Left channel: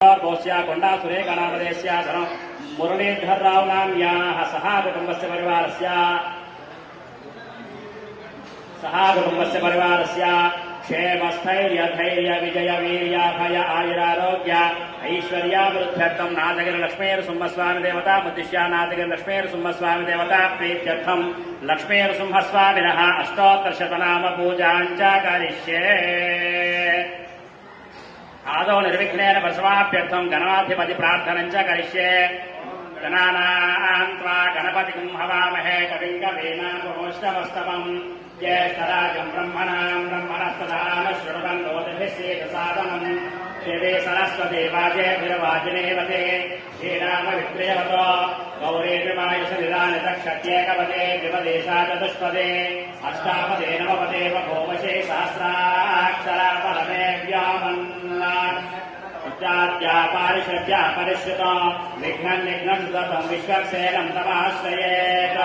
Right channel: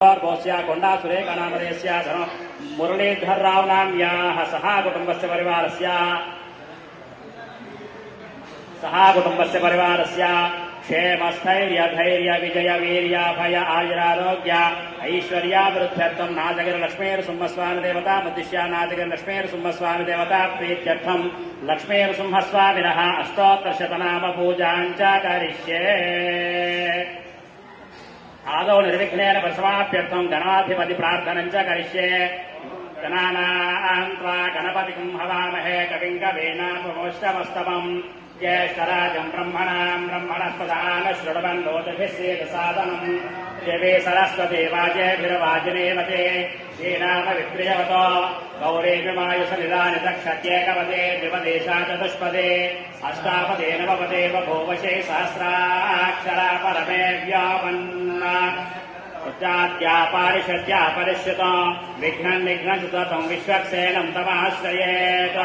కొండా సురేఖనామదేశ్య మురళీధర్ రావు నామ్యాः సహా కుటుంబస్య పరివారస్య क्षेमस्थैर्य धैर्य विजय वीर्याभय आयुरारोग्य ऐश्वर्याभिवृद्ध्यर्थं नादगिर लक्ष्मीनृसिंहस्वामी देवता मुद्दिश्य नादगिर लक्ष्मीनृसिंहस्वामी देवता प्रीत्यर्थं लक्ष्मीनृसिंहस्वामिनः अष्टोत्तरशतनाम पूजां च करिष्ये। आदौ निर्विघ्नेन प्रसवाप्यर्थं गणाधिपति प्रार्थनं च करिष्ये। गणानां त्वा गणपतिं हवामहे कविं कवीनामुपमश्रवस्तमम् ज्येष्ठराजं ब्रह्मणां ब्रह्मणस्पदान शृण्वन्नोतिभिश्चेदसादनम् देवी सरस्वती वाजेभिर्वाजिनेवते श्रीरामविप्रियवतो गौरेभिवायुसविदानितक्षत्येकपदे विपदेशा चतुष्पदे अष्टापदे नवपदे बभूवशे सहस्राक्षरा परमे व्यापन्ना पारिषद्यापरिष्यत विघ्नं विघ्नसुतपं विश्वक्सेनं तमाश्रयेत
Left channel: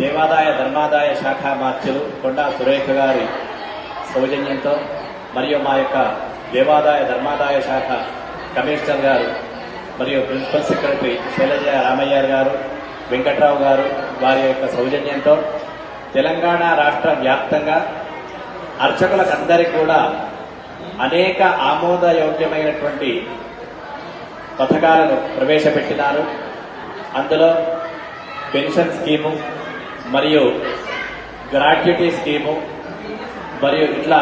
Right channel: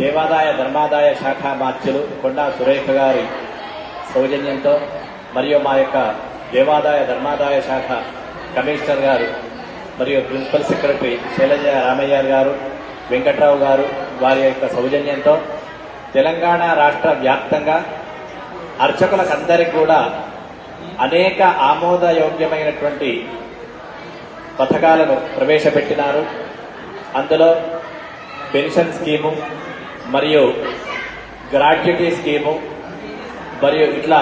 దేవాదాయ ధర్మాదాయ శాఖ మార్చులు కొండా సురేఖ గారి సౌజన్యంతో మరియు మా యొక్క దేవాదాయ ధర్మాదాయ శాఖ కమిషనర్ గారు మరియు ప్రిన్సిపల్ సెక్రటరీ శైలజ రామయ్య గారు వెంకట్రావు గారు వారి యొక్క సౌజన్యంతో తెలంగాణ రాష్ట్ర వ్యాప్తంగా అర్చకులకందరికీ కూడా అనేక ఆమోదయోగ్యమైనటువంటి పథకాలను ప్రవేశపెట్టినారు. అందులో పెన్షన్ స్కీము మరియు గ్రాట్యుటీ స్కీము మరియు ఇట్లా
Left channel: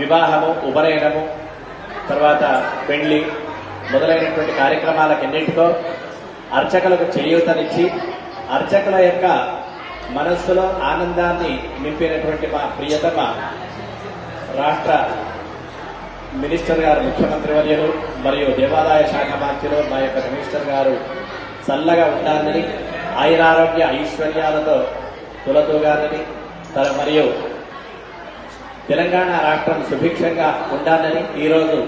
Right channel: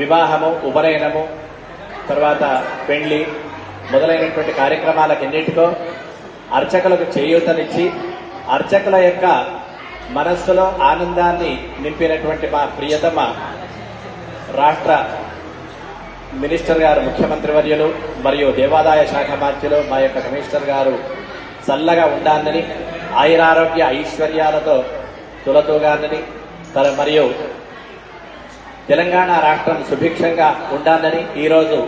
వివాహము ఉపనయనము తర్వాత పెళ్లి మొదలైనటువంటి కార్యక్రమాలకన్నింటితో అర్చకులకు చేయూతనిచ్చి అర్చకుల యొక్క మనస్సులో ఆనందాన్ని నింపినటువంటి మా ప్రియతమ రాష్ట్ర మినిస్టర్ గారు ముఖ్యమంత్రి వర్యులు మరియు దేవాదాయ శాఖ మంత్రులు మా యొక్క కమిషనర్ గారు చల్లగా ఉండాలని ఆయురారోగ్య ఐశ్వర్యాలతో తులతూగాలని మరియు తెలంగాణ రాష్ట్రం సుభిక్షంగా ఉండాలని ఈరోజు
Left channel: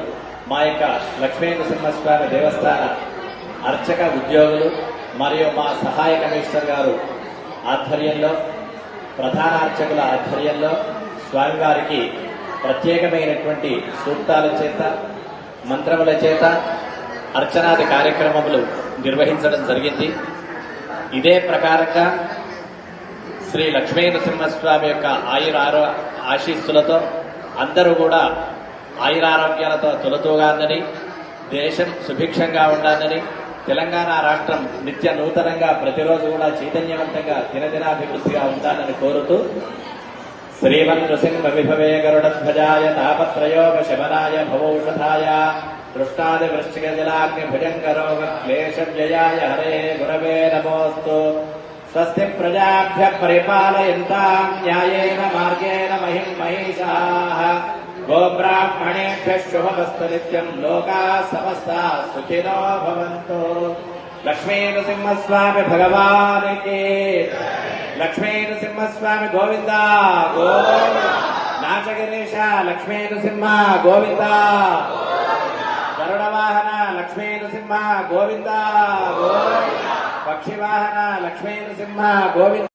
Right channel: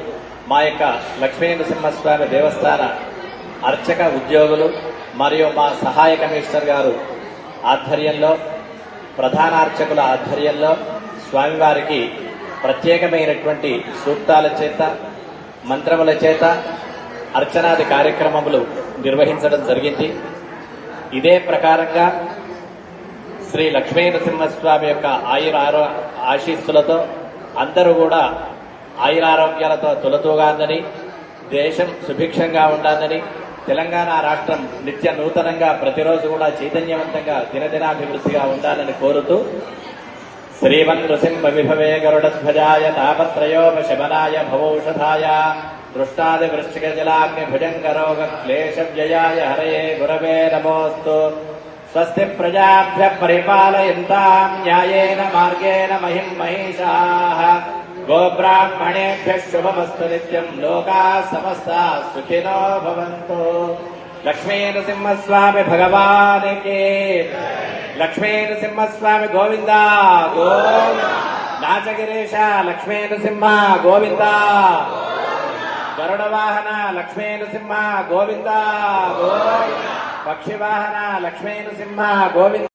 మా యొక్క లక్ష్మీనరసింహస్వామి దేవస్థాన అర్చక ఉద్యోగులు మరియు మా సహాయ కమిషనర్ గారు ఆధ్వర్యంలో ప్రధాన అర్చకుల ఆధ్వర్యంలో స్వామివారికి ప్రత్యేకమైనటువంటి సూక్తాల చేత మంత్రముల చేత అర్చనాది కార్యక్రమములు నిర్వహించడం జరిగింది. ఇదే ప్రకారంగా శ్రీ లక్ష్మీనరసింహస్వామి యొక్క ఆశీస్సులతో అందరూ కూడా ఆయురారోగ్యాలతో తులతూగాలని దేశం సుభిక్షంగా ఉండాలని తెలంగాణ రాష్ట్రం నిత్య నూతనంగా ప్రతిరోజు కూడా చైతన్యవంతంగా దినదినాభివృద్ధిగా ఉండాలని కోరుతూ శ్రీమన్నృసింహ విభవే గరుడధ్వజాయ తాపత్రయోపశమనాయ భవౌషధాయ దృష్టాది వృశ్చిక జలాగ్ని భుజంకరోగ క్లేశవ్యయాయ హరయే గురవే నమోస్తు. స్వస్తి ప్రజాభ్య పరిపాలయంతాం న్యాయేన మార్గేణ మహిం మహిషాః గోబ్రాహ్మణేభ్య శుభమస్తు నిత్యం లోకాః సమస్తాః సుఖినో భవంతు. లక్ష్మీనరసింహస్వామి భగవానికి లక్ష్మీనరసింహస్వామి గోవింద గోవింద. నాచగిరీశ లక్ష్మీనరసింహ గోవింద. గరుడవాహన లక్ష్మీనరసింహ గోవింద గోవింద. పక్షివాహన లక్ష్మీనరసింహ గోవింద.